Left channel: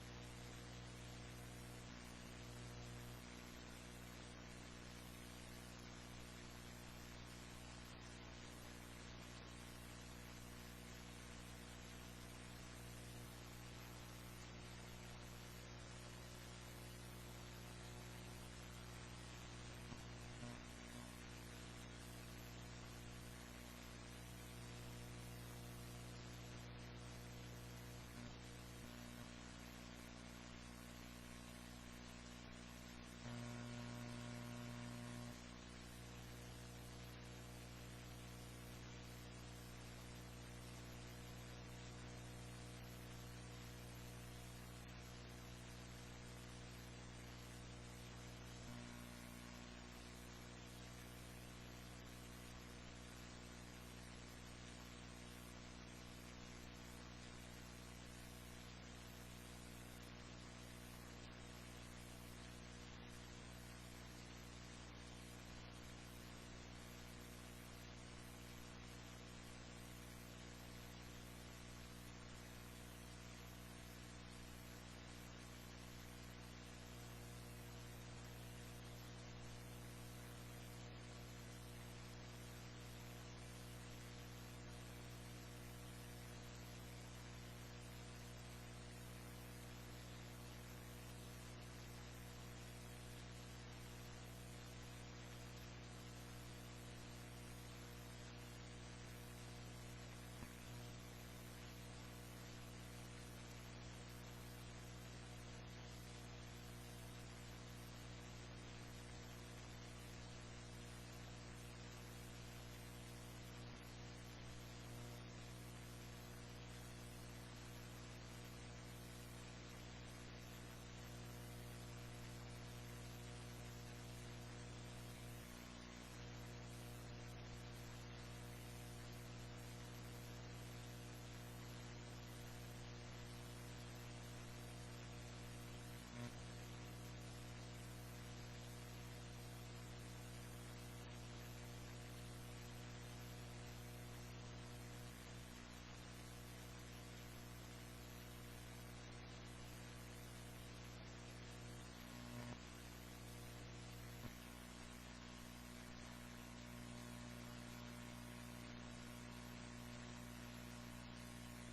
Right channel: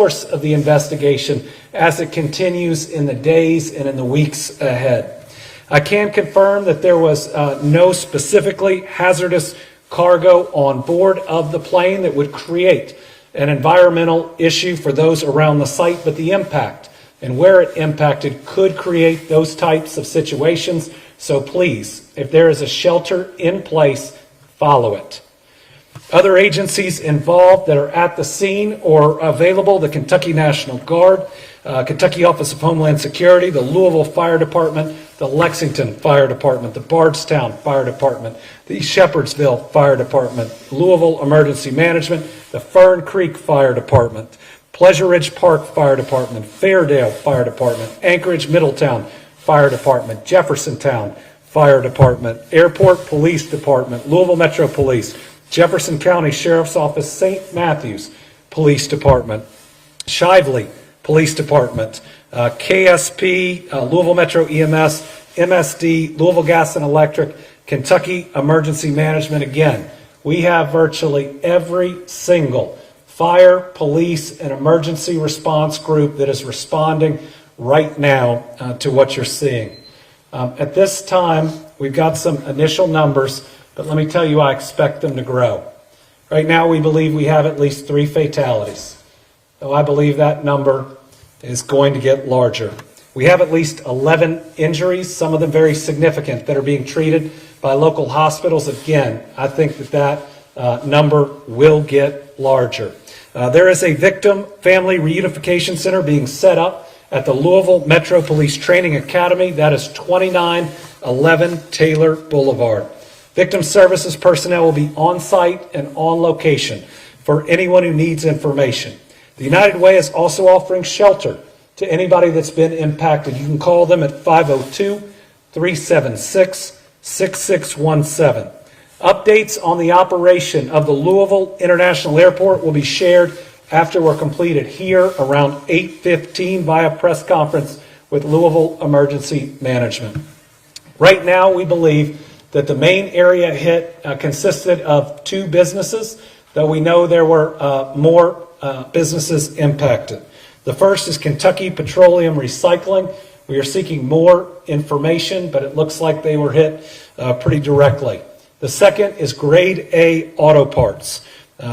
course of the investigation as it continues in the days and in the weeks ahead. I can confirm that there was no specifically hazardous cargo on board of the plane that would create an environmental issue for those around the site, but the impact and where it impacted could create those types of situations. So please, if there is a shelter in place, follow it. Other agencies involved that are at the scene or available: the Kentucky National Guard, Kentucky Office of Homeland Security, the Louisville Fire Department, the Lexington Fire Department, the Bardstown Fire Department, the Shepherdsville Fire Department, Louisville Emergency Management, the Fern Creek Fire Department, Pleasure Ridge Park Fire Department, Fairdale Fire Department, Anchorage Middletown Fire Department, Jeffersontown Fire Department, Airport Police Department, Louisville Metro Police, Jefferson County Sheriff's Office, St. Matthews Police Department, Shively Police Department, KSP, Louisville Metro EMS, MSD, Louisville Gas and Electric, Kentucky Emergency Management. Again, we have virtually every single fire, police, and emergency response group that is responding right now to what you're seeing. At this time, we've got some initial numbers, but let me tell you, I expect them to grow. Right now, we believe we have at least 3 fatalities, though I believe that number is going to get larger. We have at least 11 injuries, some of them very significant, that are being treated by local hospitals. Again, I think that number will get larger. There is a victim family reunification center being set up at the Louisville Metro Police Training Academy. That is 2911 Taylor Boulevard. Victim services personnel will be on site and on location for anyone who needs information. The United Way is also offering shelter to anybody that's been impacted. You can call them at 502-376-6617. Updates on the operation of the Louisville International Airport will be shared after we're completed here around 8:15 via press conference with Louisville Emergency Management. Right now, we believe that the main area hit consisted of 2 businesses, though we know there were more businesses impacted. The first is Kentucky Petroleum Recycling. We are seeking more information, but it looks like they were hit pretty directly. The second is Grade A Auto Parts.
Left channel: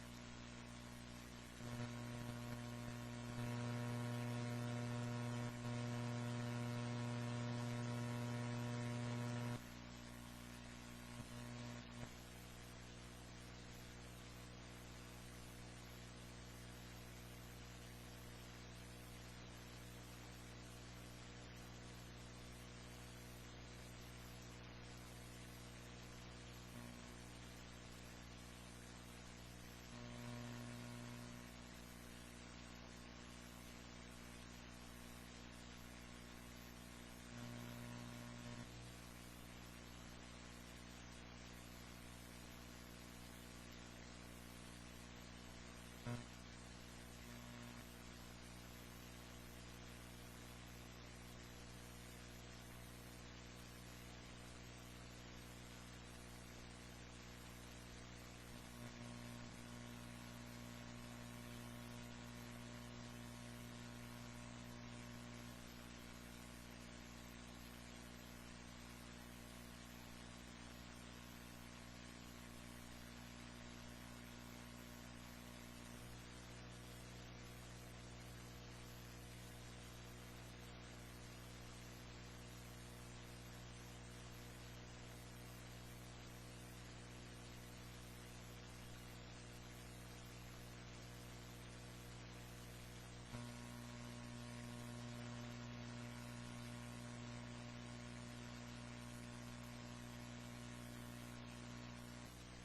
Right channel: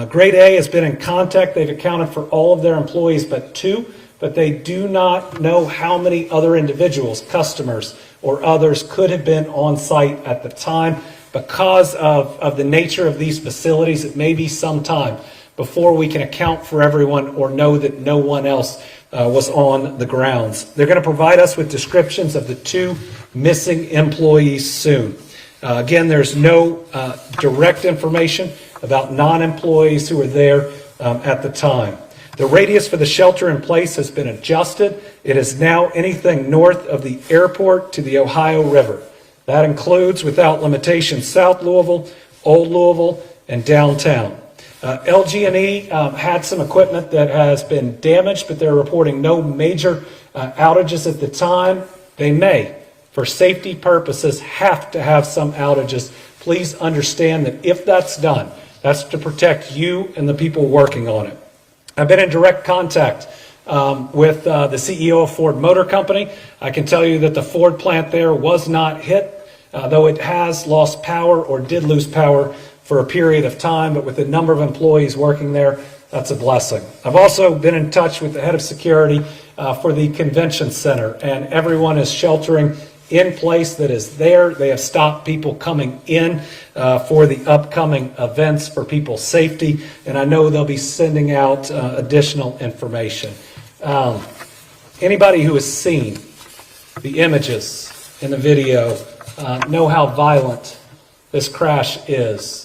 Grade A has been in contact. They've accounted for all of their employees but 2, but they do not know how many other individuals, customers, or others could have been on site at the time. Because of the nature of these facilities, it may be some time before we can account for everyone or know that no one else was on the grounds. They're going to provide us with descriptions of the 2 missing employees soon. Again, there's no direct information about non-employees who were there at the time. The radius for the shelter in place has been adjusted. It is now anything north of the airport to the Ohio River. That includes, without limitation, South Louisville, Old Louisville, and downtown. LG&E had some equipment that has been damaged, but they're reporting no major outages at the time. They may, for safety purposes, have to have some outages. Please understand that if that's done, that's to protect you and the people working on it. I've been in direct contact with the CEO of Ford Motor Company. I can tell you that the Ford plant there was not hit, though it has lost power or did lose power for a period of time, but with the number of employees working there, that's a blessing. I've also been in touch with the head of security for the convention center, and everyone is sheltering in place that is there. They have stopped people coming in for the upcoming events for people's safety, and I know they'll be sending out additional information. Anybody who has seen the images in the video know how violent this crash is.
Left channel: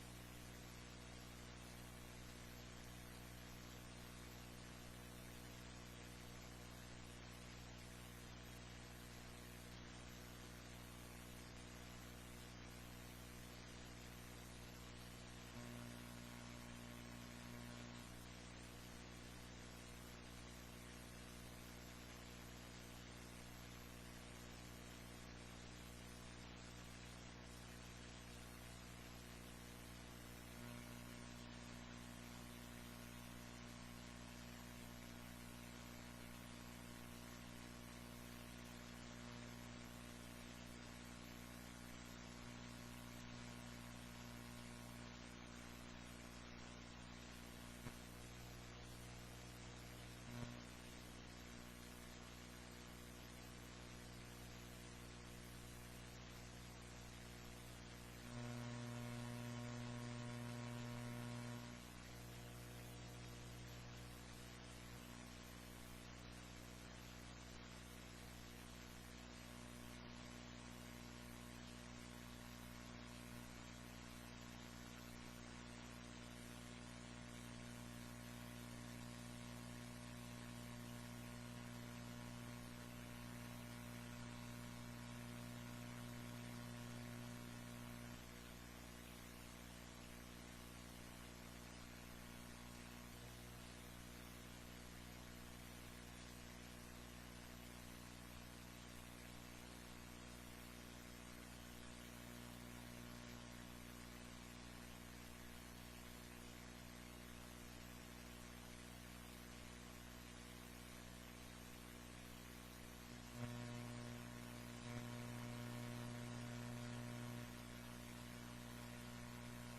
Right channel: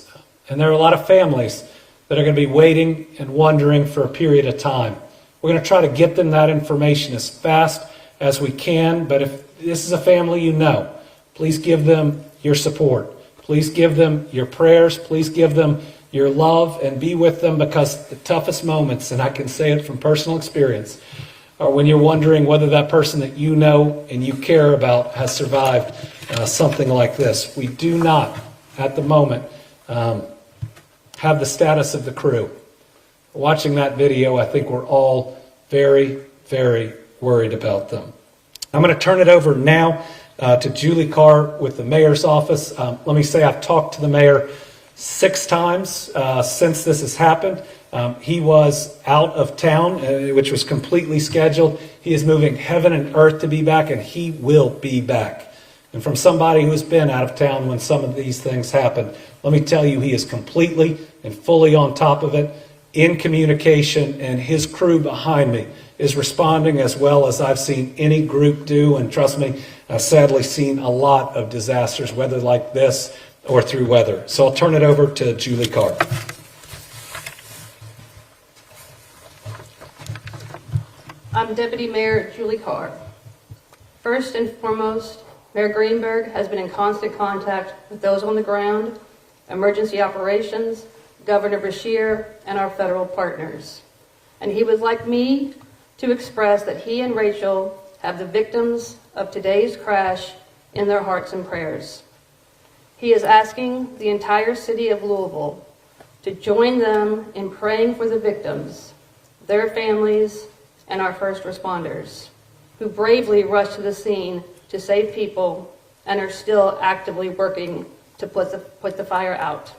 And there are a lot of families that are going to be waiting and wondering for a period of time. We're going to try to get them that information as fast as we can, but if this is a family you know, please give them your support. Please give them your prayers. Please give them your love and be with them, because the toughest moments, and I can say it from personal experience, are when you're wondering whether that person that you know and you care about has survived something like this. We do not, at the moment, have the status of the crew. Watching that video, I think we're all very, very worried about them. I'm going to turn it over now to Julie Carr with the mayor's office. Let me say I've talked to the mayor 6 times since this has happened. He was out of town, which was completely scheduled. He is moving heaven and earth to be back, and he will be back. And from somebody who's been out of town when some of these things happen, let me tell you, he is completely and fully on top of it, in communication, and his crew behind me is responding as well as I've seen any group do. And trust me, I've sadly seen a lot of disasters, whether like this or through weather. So I'll turn it over to Julie Carr. I'm Deputy Mayor Julie Carr. First and foremost, Mayor Greenberg has been in constant contact with those on the ground, emergency operations, Governor Beshear, and our federal partners. And he would like me to express that he and Rachel have the victims of today's crash in their hearts and prayers. He is asking the entire city of Louisville to join them in praying for the victims, their families, and our first responders, who bravely rushed to the scene to save people and are still actively working to put the fire out.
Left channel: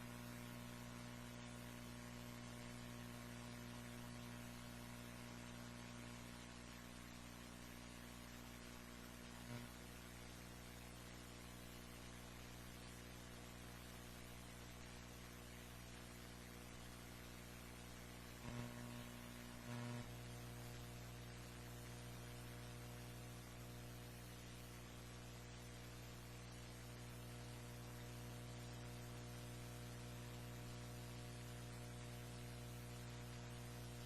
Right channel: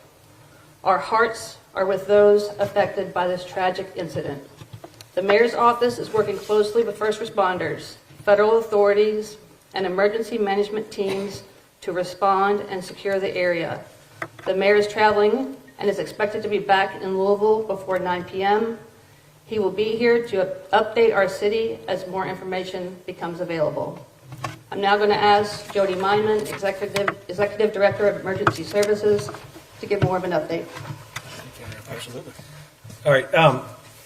Our hearts are with those affected by this tragic incident. The mayor's office is working closely with first responders, federal authorities, and emergency management teams to respond and secure the area. The mayor is traveling and is expected to be back in Louisville before 9 p.m. He will be here to update our city as more information becomes available. I'm now going to ask Jody Meinman, Executive Director of Emergency Services, to give more of an update. Absolutely. All right.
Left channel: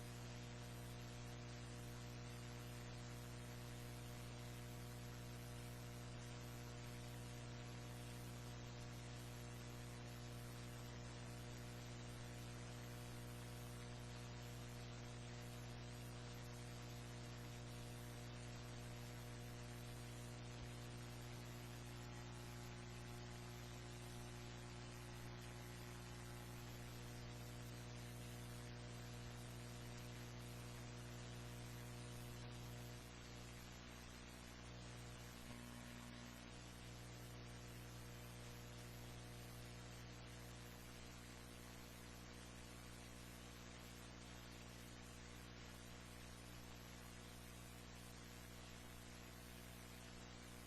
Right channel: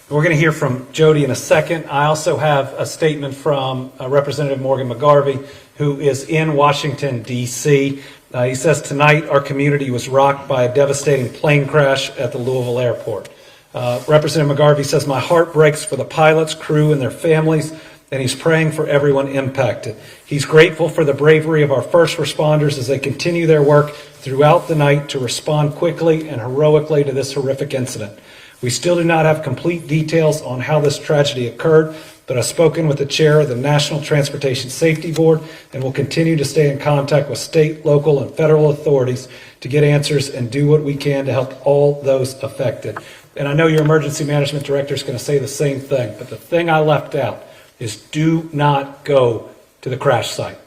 We're going to hear from Jody in a second. I also have a statement from Representative Morgan McGarvey, who is in Washington, D.C. He says, tonight our community was rocked by a devastating plane crash at the Louisville airport. Representative McGarvey says, my heart breaks for the pilots, crew, and their families, and he's praying for everyone impacted. He's grateful for the bravery of our first responders as they continue their work throughout the night to respond quickly and heroically to this horrific incident. We still do not have complete details on how this tragedy occurred, but I've spoken with the chair of the National Transportation Safety Board and will continue to stay in contact with state, local, and federal authorities to get answers and do what we can to help all those affected. And I know your emergency management director is going to say the same thing, but the thing I left out is do not go to the crash site.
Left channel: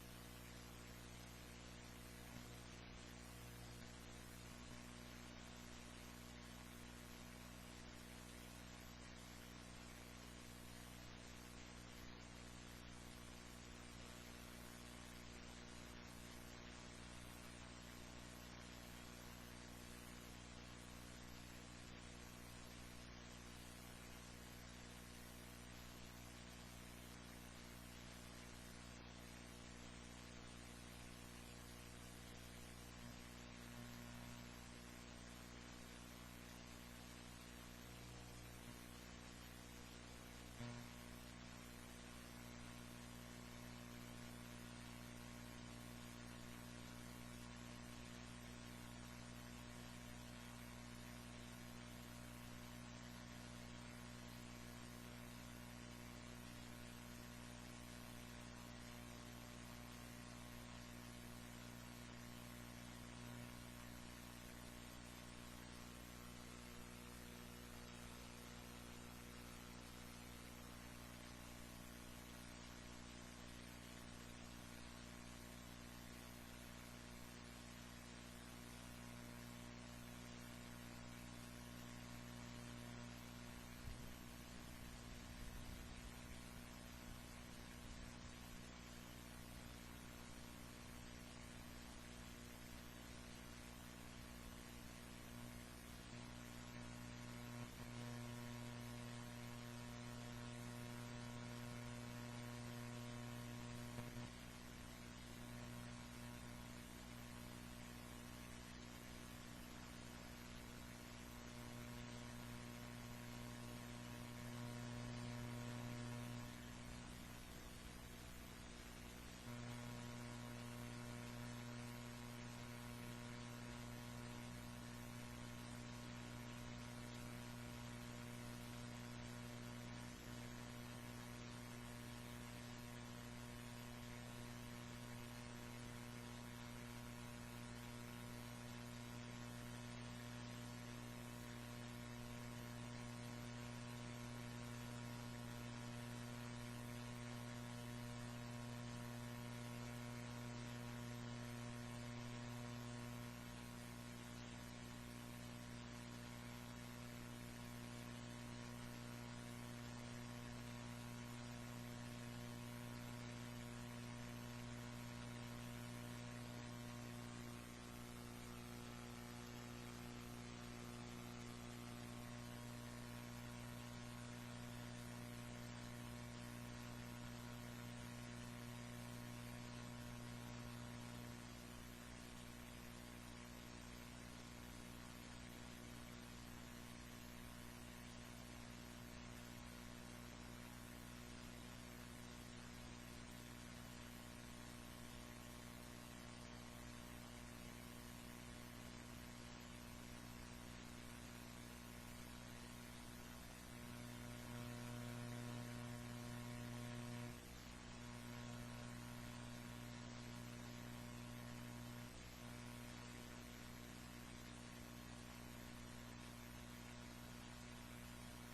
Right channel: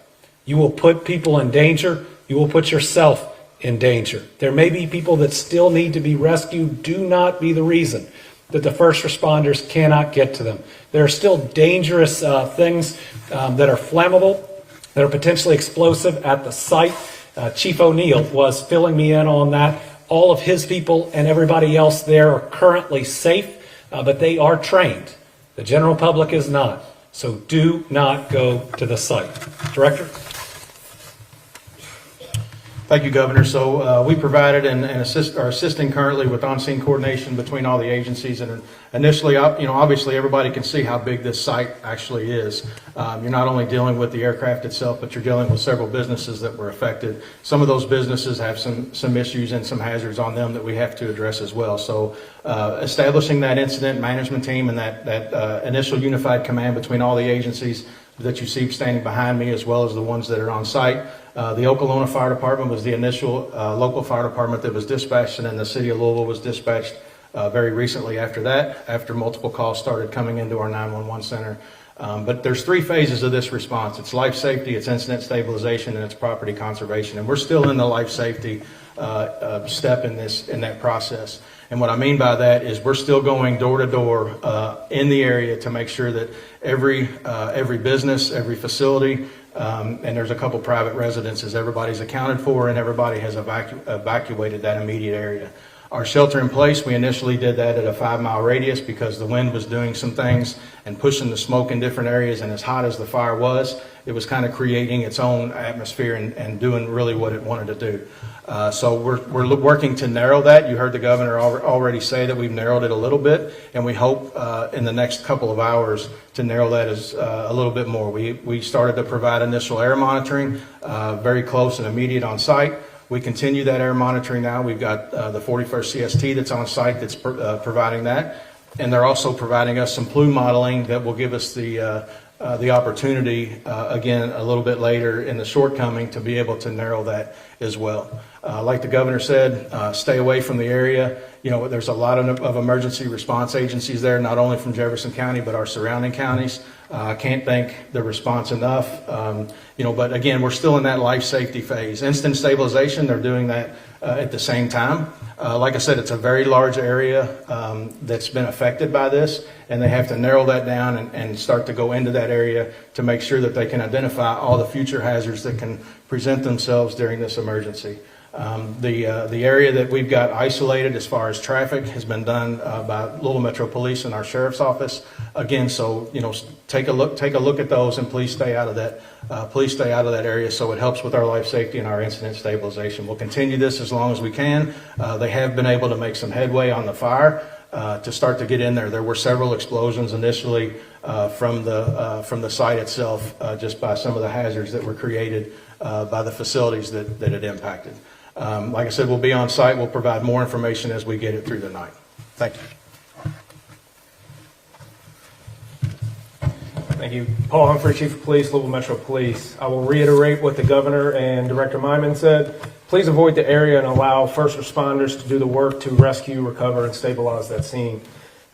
You will put people in danger. You will put yourself in danger. There may be people that still need to be rescued. Do not be the reason that the first responders cannot get to them. There are still dangerous things that are flammable, that are potentially explosive at the site. Chief O'Neill was filling me in on that. All of his people and everybody else there are currently safe, but they are trained. The general public is not. So do not go to the site. Director? Thank you, Governor. So we provided and are assisting currently with on-scene coordination between all the agencies. And initially, obviously everybody can see how big this site actually is. You're not only dealing with the aircraft itself, but you're dealing with several businesses that were affected. Some of those businesses have some issues and some hazards on them that we have to address as well. So establishing that incident management team and that initial unified command between all the agencies that you see standing behind me, as well as the ones that are on site. The Okolona Fire Department was the initial local fire department that was dispatched, and then the city of Louisville was dispatched very recently after that, after multiple calls started coming into our 911 center. But there's 3 phases of this response. It's life safety, it's incident stabilization, and it's property conservation. And we're still in the life safety step in that process. And what I mean by that is we're still going door to door in the area to make sure that every business, every facility, and there's a couple private residences, everybody's accounted for and everybody has evacuated that immediate area. Our shelter in place, we initially did that at a 5-mile radius because the wind was doing some things and pushing the smoke in different areas, and as hot as the fire was, it was kind of creating its own atmosphere and doing really what it wanted to do. So we're working to narrow that. You heard the governor already say that we've narrowed it a little bit, and we hope in the next couple of hours to narrow that as a little bit more. We started to provide initial air monitoring, very close and immediate on site. We continue that air monitoring now. We've got the 41st CST that's on site that's providing that. And they're also providing us some plume modeling that will give us the opportunity, again, a little bit later in the shortcoming to be able to narrow that as well. Like the governor said, stay away from the area. You know, there's a lot of emergency response agencies there, not only from Jefferson County, but our surrounding counties. I can't thank the response enough. You know, but again, we're still in that life safety phase. Instant stabilization, they're doing that at the same time. Like I said, it's a very large area that's been affected by this, and they have to narrow that down and start to go into that area to make sure that they can identify all the future hazards that can present themselves during this emergency. The area that we've got isolated as far as traffic has been done by Louisville Metro Police and our Sheriff's Office. Again, so, you know, take a look at those, and please stay out of that. Please stay out of that area so it helps with our life safety and our incident stabilization. We'll continue this as long as we can. They have been able to make some headway on the fire to start to get in there. There were several explosions initially from the site itself, just by some of the hazards that were created by the facilities that it impacted. Like I said, we'll be on site. We'll provide more information as we get it through the night. Thank you. Thank you. Paul Humphrey, Chief of Police, Louisville Metro Police. I will reiterate what the Governor and Director Myman said. Please avoid the area and allow first responders to do the work to rescue, recover, and stabilize that scene.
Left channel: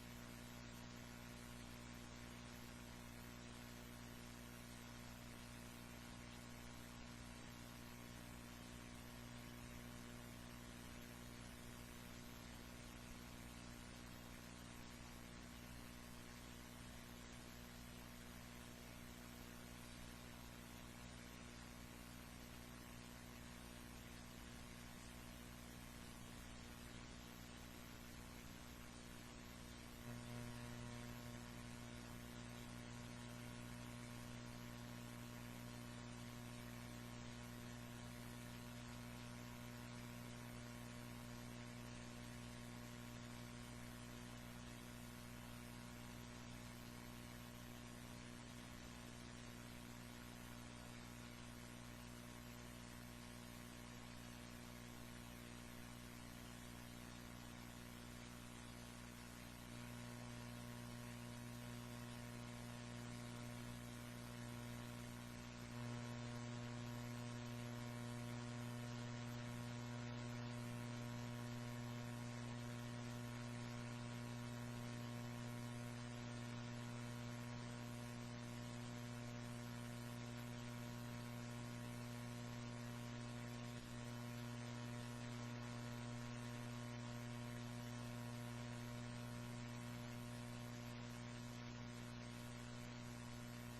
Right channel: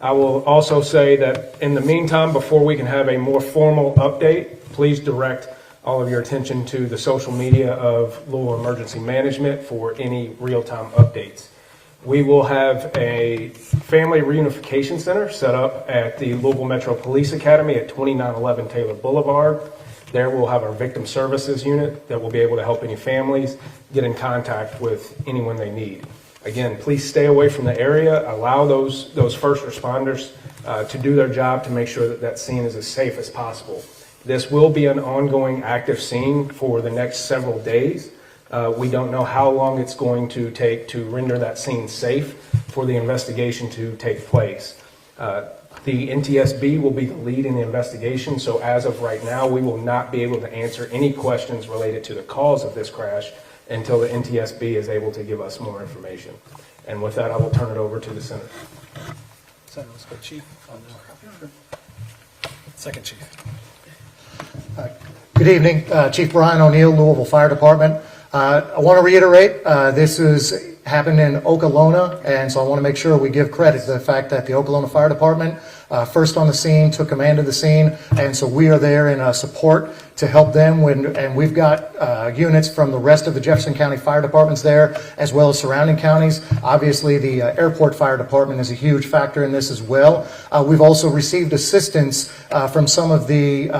I will also say that in the meantime, before we can have a more formal update, please direct all of your attention to the social media of Louisville Emergency Management for any real-time updates. We will have a family reunification center set up at the Louisville Metro Police Academy at 2911 Taylor Boulevard. There we'll have our victim services unit that will be able to help any families get in contact with anyone they need. Again, please stay away from the area. Allow those first responders to do their job to make sure that that scene is as safe as possible. This will be an ongoing active scene for the next several days. We don't know how long it's going to take to render that scene safe for the investigation to take place. The NTSB will be the lead in the investigation, so as of right now, we will not be able to answer any questions related to the cause of this crash until the NTSB is able to give us more information. And with that, I will turn it over to the Senator. Senator, let's go, Chief. Second Chief. Good evening, Chief Brian O'Neill, Louisville Fire Department. I want to reiterate, this happened in Okolona, and so I want to make sure we give credit to the fact that the Okolona Fire Department first on the scene, took command of the scene, and so we are there in support to help them. And we've got units from the rest of the Jefferson County Fire Departments there, as well as surrounding counties. Obviously, the Airport Fire Department is a huge factor in this as well. We've also received assistance from some of the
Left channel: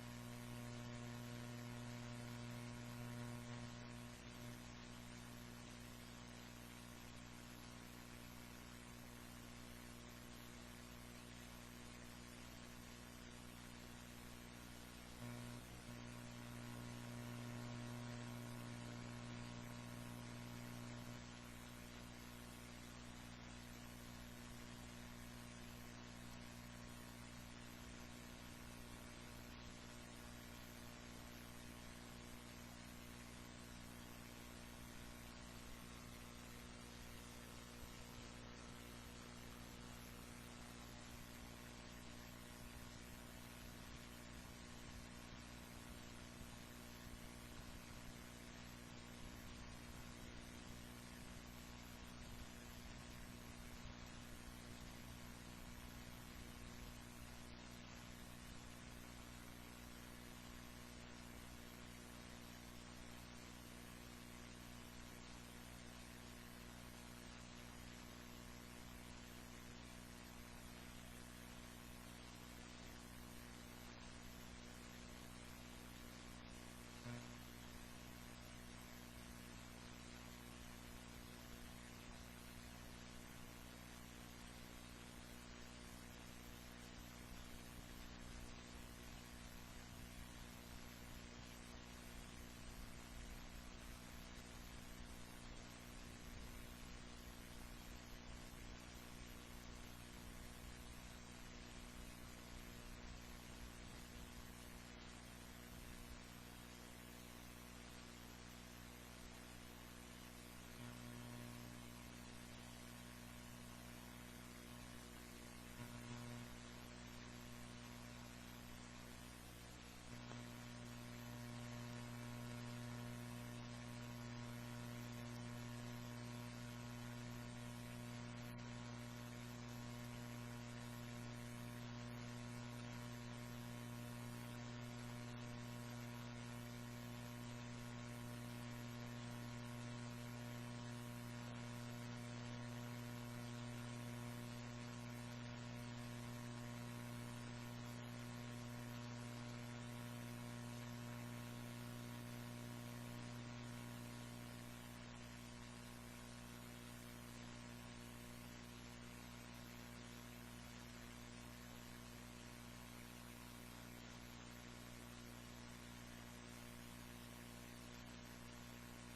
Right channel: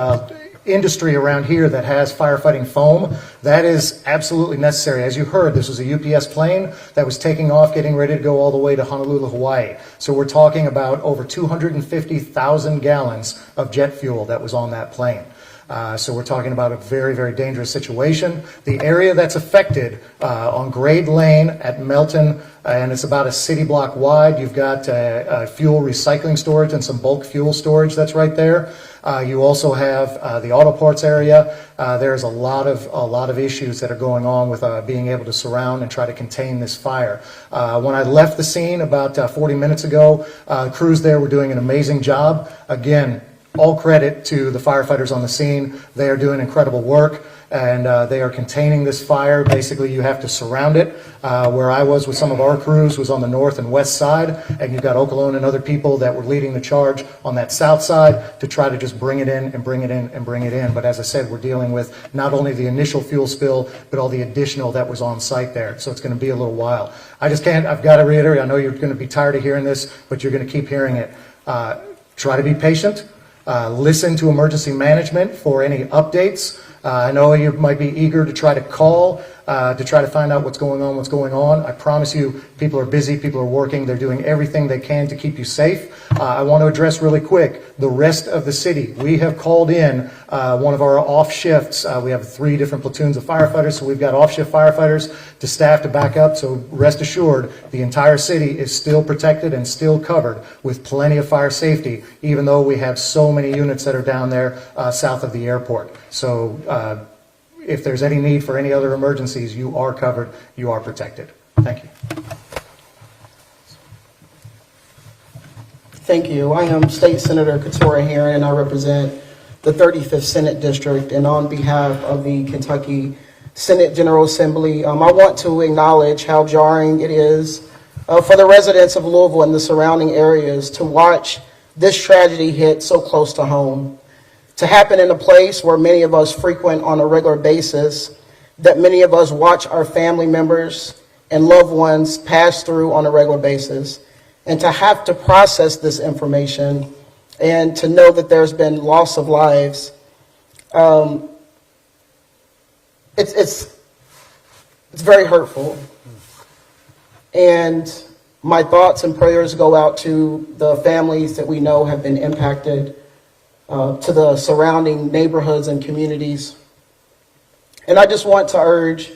industry around here that has firefighting foam. That is absolutely necessary. As you heard, this was a UPS plane that was taking off, getting ready to go all the way to Honolulu, Hawaii. So we're talking about over 250,000 gallons of jet fuel that was on that plane. So we're talking about a very, very dangerous situation. The area that's affected on Grade Lane at Melton, and it's about a city block wide. You've got fuel recycling storage and some bulk fuel storage that's right there. You also have the auto parts area. There's a lot of issues that are going on with being able to surround and try to contain this fire. When I left the scene about 40 minutes ago, crews there were doing an amazing job. Again, all credit to the firefighters on the scene. They are doing incredible work, and they are containing this fire. Basically, you have to surround it. Where I was with some of our crews was on the north and west side, and you've got Okolona and other people that were leading the charge on that south side to try to just bring it in and bring it in and bring it in. But as I said, we're dealing with not only the initial fuel spill, but all the additional that was on site there. So it's going to be a little while. I've got to reiterate, I know you're going to be tired of hearing this, but you're going to keep hearing it. Try to be patient. Listen to emergency management for any updates. I know you might be eager to try to call, to try to find out what's going on. I promise you, people are busy, people are working, they're doing everything they can to keep you safe. I want to address really quick the rest of the city. We have called in one of our off shifts. We have 3 different platoons of firefighters, so we've got off shift firefighters to staff to back up. So rest assured, the entire city is still protected and still covered with plenty of fire safety, even though we have so many units that are down there south of the airport. So if there's any need for any other emergencies, you are covered, you are protected. Thank you. Thank you. I am State Senator Katora Herron, and I represent the 35th Senate District. And on behalf of the Kentucky Senate General Assembly, I want to acknowledge how jarring it is for the residents of Louisville and the surrounding areas to watch this tragedy hit so close to home, to happen in a place where many of us frequent on a regular basis, that many of us watch our family members and loved ones pass through on a regular basis, and to have to process this information and to know that there's been loss of lives. It's very hurtful. And my thoughts and prayers go out to the families that we know have been impacted, to the surrounding neighborhoods and communities. And I just want to urge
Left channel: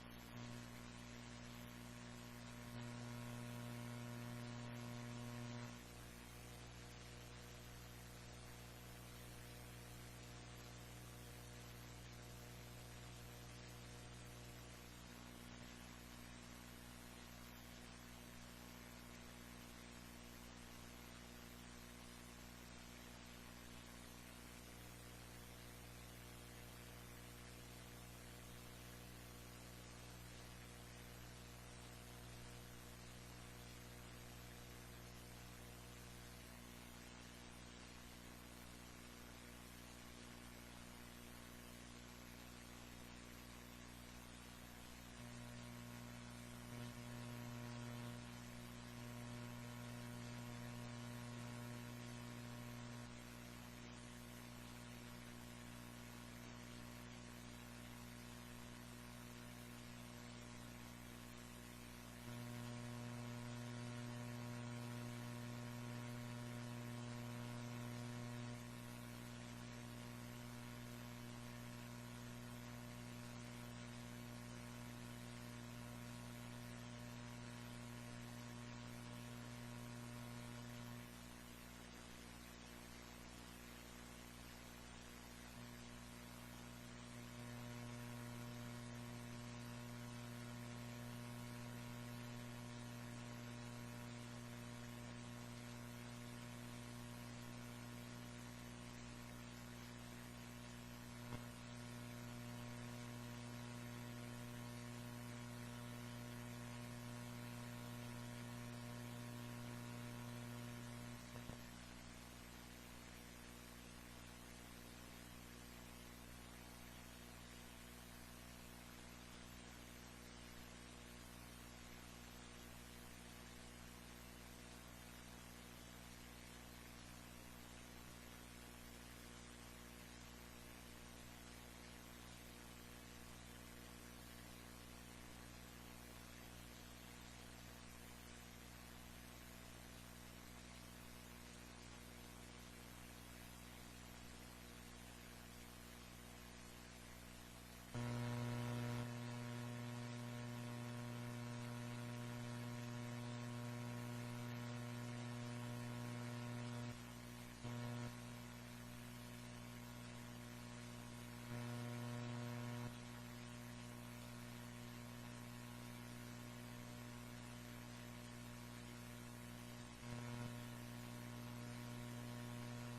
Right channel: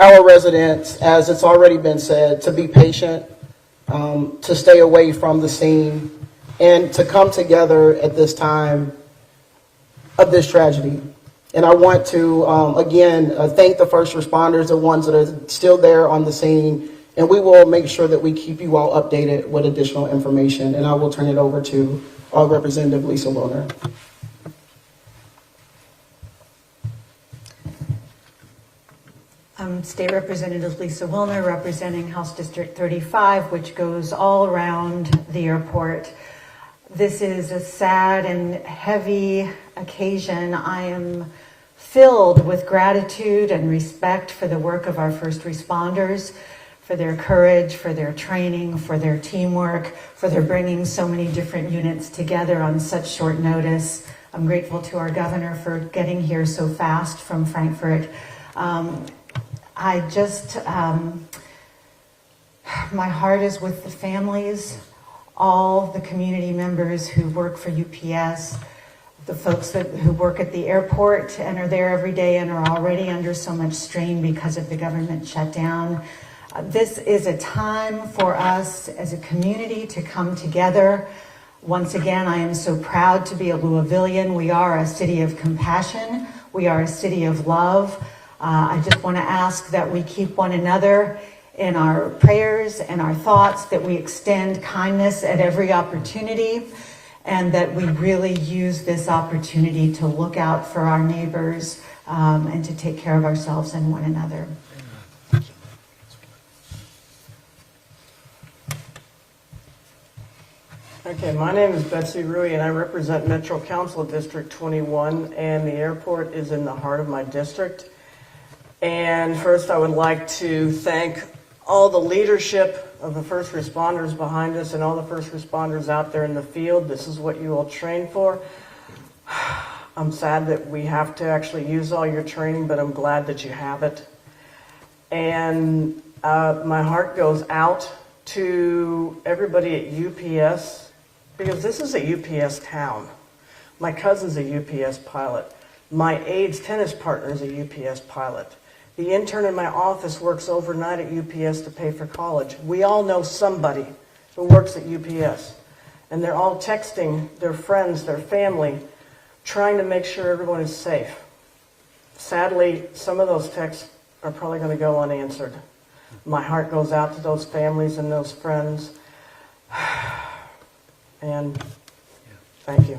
our residents, as it's already been said, to be patient, to stay away from the scene, and to come together at this time of this tragedy. And I want to, again, thank the first responders, the ones that are still there on the scene, and we will make sure that we keep you all updated with additional information. And I will turn it over to Representative Lisa Wilner. I'm State Representative Lisa Wilner, representing House District 35, which goes all around the airport. This is a sad and heavy occasion. I am filled with gratitude and respect for the work of our first responders, for their courage, for their training, for their teamwork, for their bringing so many different units together on such short notice. I'm grateful to our governor for getting here so fast from Frankfurt. My heart is with the families, all the community members who work for UPS, the folks who work at the airport and are there every day and are already under so much strain because of the government shutdown. This is a time for us as a community to come together. Once again, I am so proud to be a Louisvillian. We are a city of compassion. We are a city of love. I just want to ask that we keep one another in our prayers and our thoughts, that we extend kindness at every opportunity, and that we really use this opportunity to look out for our neighbors and to take care of ourselves and one another. Okay, my name is Betsy Rui, and I represent Metro Council District 21, and the airport is in the heart of my district. And first, I would like to thank all the leadership of the first responders behind us and all the first responders out there in the field. This is what you all train for. I'm sad that we have to actually use all your training, but I'm glad that you have it. And my heart goes out to everybody at UPS, because this is a UPS town. My cousin's a UPS pilot. My aide's tennis partner is a UPS pilot. The intern in my office works overnight at UPS to pay for college. We all know somebody who works at UPS. And they're all texting their friends, their family, trying to make sure everyone is safe. Sadly, some of those texts are probably going to go unanswered. My heart goes out to those families and those friends. And thank you.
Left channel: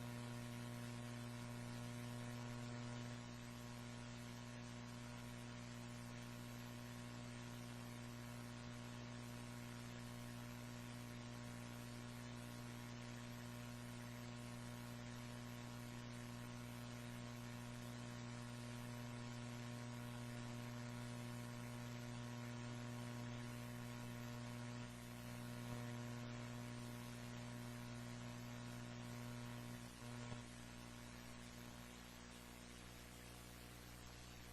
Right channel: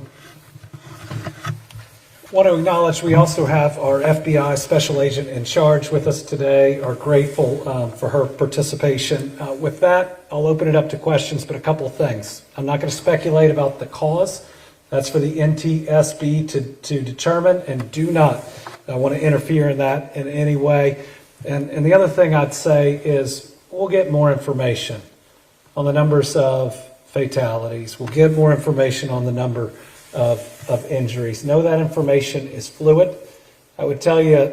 Want to acknowledge we also have our FBI Special Agent in charge with us today. Are grateful for her participation. With that, I'll open it up to questions, but a couple of things. I'm not going to speculate about the cause. That's for the NTSB to determine, and do not want to interfere in that in any way. And the other thing I'd say is we'll get more information on the numbers of fatalities. We'll get more information on the number of injuries. Know that information is fluid. I would tell you,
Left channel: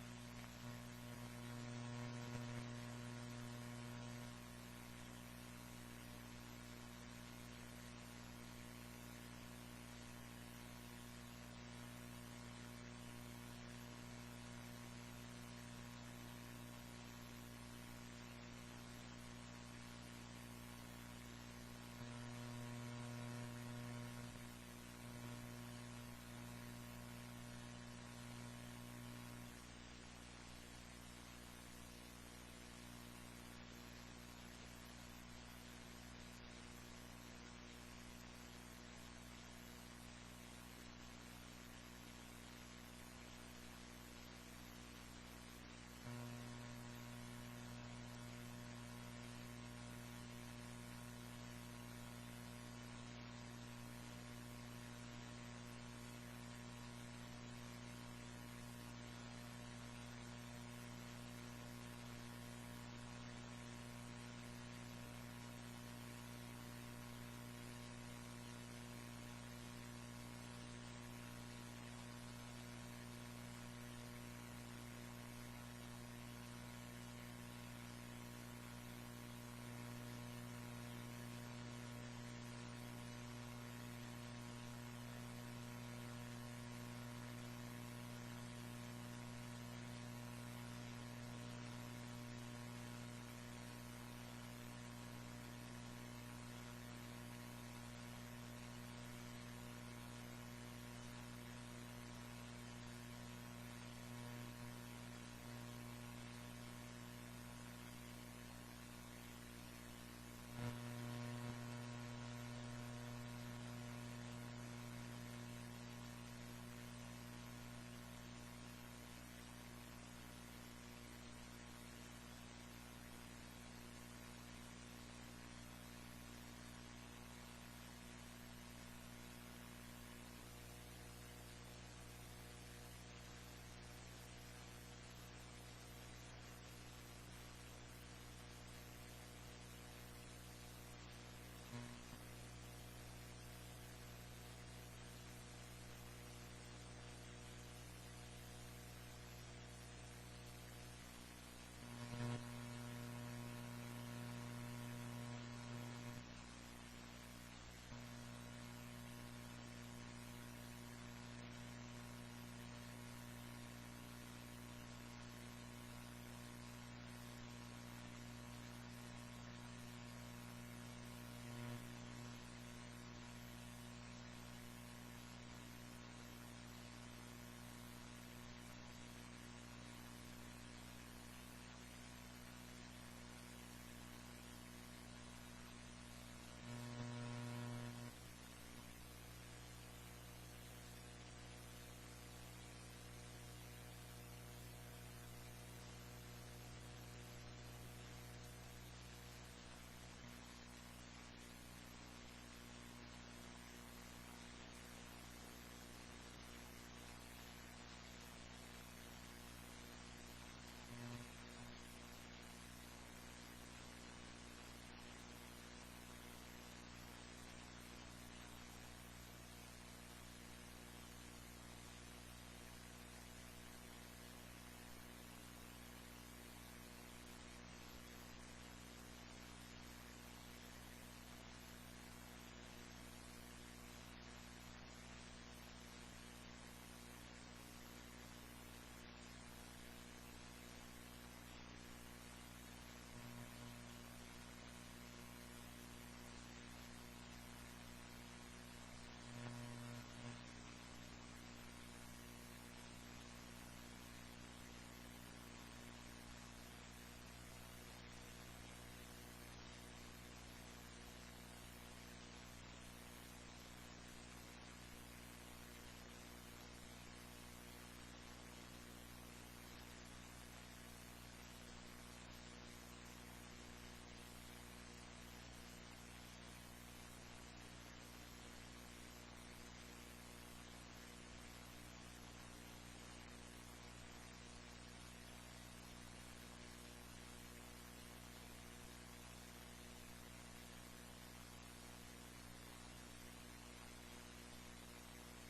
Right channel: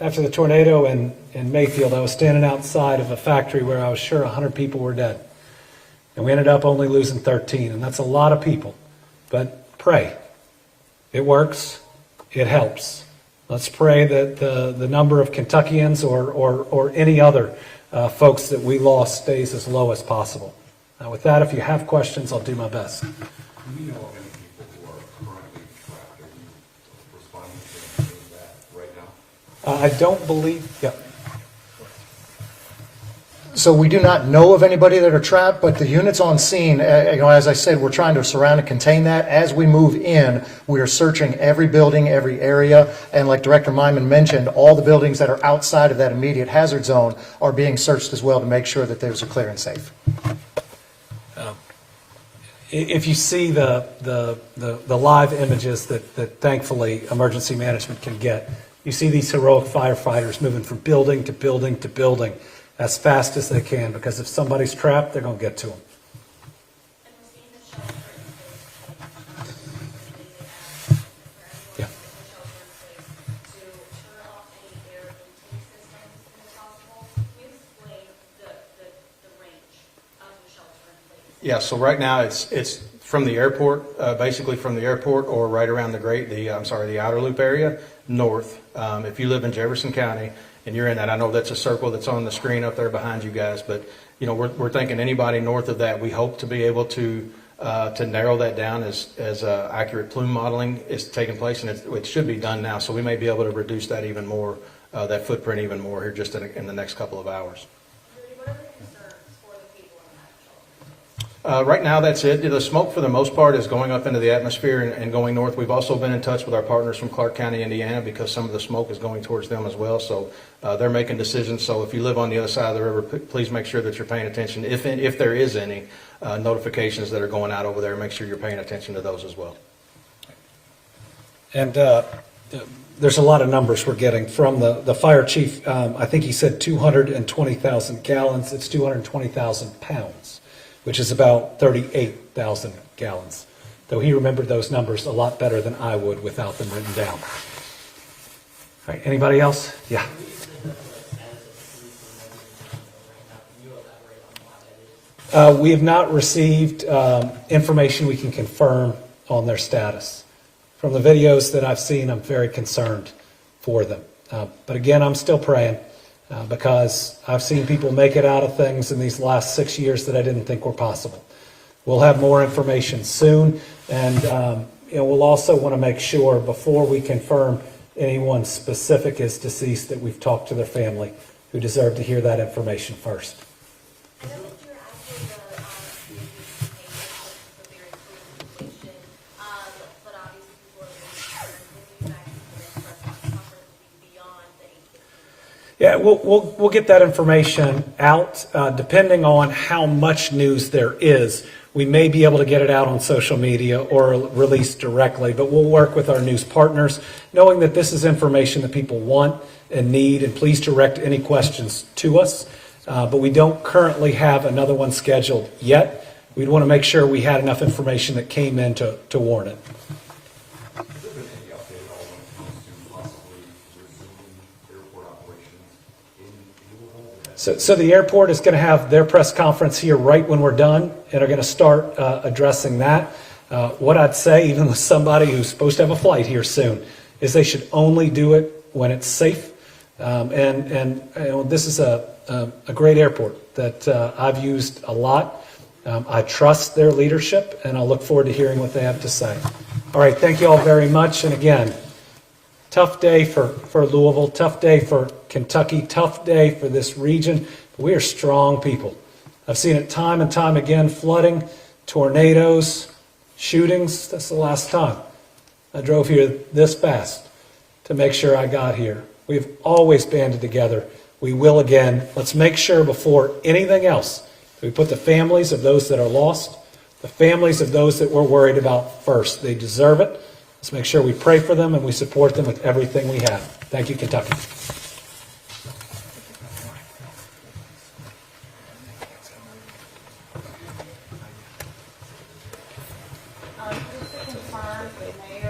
after the tornado in Mayfield, I was standing outside of a factory where I was sure 100 people were dead. And we ended up only losing 13, and that's a lot of people. But pray. It works. It helps. Let's pray that the number of Kentuckians or any other folks that we lost stays as low as possible. Now, with that, if you have questions, I'll do my best. Do we know of any people who are currently trapped or responding to that right now? I don't believe, yeah. So we do not know of anybody that are trapped, but the units on scene, as I said, we're trying to surround and contain that. As we move in, we are searching every building, every area, and like Director Myman mentioned, all the buildings that are outside of that immediate hazard zone are being searched as well to make sure that those are clear and safe. If you see the live images that thankfully emergency management can get, you see these heroic firefighters moving from building to building to building as fast as they can, because if somebody's trapped, they're going to get to them. Yeah. Yeah, so right now, it's from the airport, basically from the airport or right around the outer loop area, north. If you live in Jefferson County and you're in that, I know that's a circle that's on the screen up there behind you guys, but, we're thinking anybody north of that, we hope to be able to narrow that down as accurate plume modeling is taking place, and it should be done now, so we may be able to reduce that even more, that footprint even more here just in the next couple of hours. Right now, that's it. The smoke, for the most part, is going up into the atmosphere and going north. We've also been in touch with our partners from Clark County, Indiana, because some of the smoke is going towards them as well. So they're making decisions. So if you live on the other side of the river, please make sure that you're paying attention. If there is any notifications that are going out over there, make sure you're paying attention to those as well. And there's a lot of numbers we're getting from the fire chief. I think he said 220,000 gallons. It's 220,000 pounds, which is about 38,000 gallons. Though he remembered those numbers a lot better than I would without them written down. All right, anybody else? Yeah. We have not received information we can confirm on their status. From the videos that I've seen, I'm very concerned for them. But again, I'm still praying. Because I've seen people make it out of things in these last 6 years that I didn't think were possible. We'll have more information soon, and we'll also want to make sure before we confirm anyone specific is deceased that we've talked to their family, who deserve to hear that information first. Yeah, we'll get that information out. Depending on how much news there is, we may be able to get it out on social media or release directly, but we'll work with our news partners, knowing that this is information that people want and need, and please direct any questions to us. But we don't currently have another one scheduled yet. We'd want to make sure we had enough information that came in to warrant it. So the airport is going to have their press conference here right when we're done, and are going to start addressing that. What I'd say, even with somebody who's supposed to have a flight here soon, is they should only do it when it's safe. This is a great airport that I've used a lot. I trust their leadership, and I'll look forward to hearing what they have to say. All right, thank you all very much. And again, tough day for Louisville, tough day for Kentucky, tough day for this region. But we are strong people. I've seen it time and time again, flooding, tornadoes, shootings. That's the last time I drove here this fast to make sure I got here. We've always banded together. We will again. Let's make sure before anything else we put the families of those that are lost, the families of those that we're worried about first. They deserve it. Let's make sure we pray for them and we support them with everything we have. Thank you, Kentucky. Just to confirm, the mayor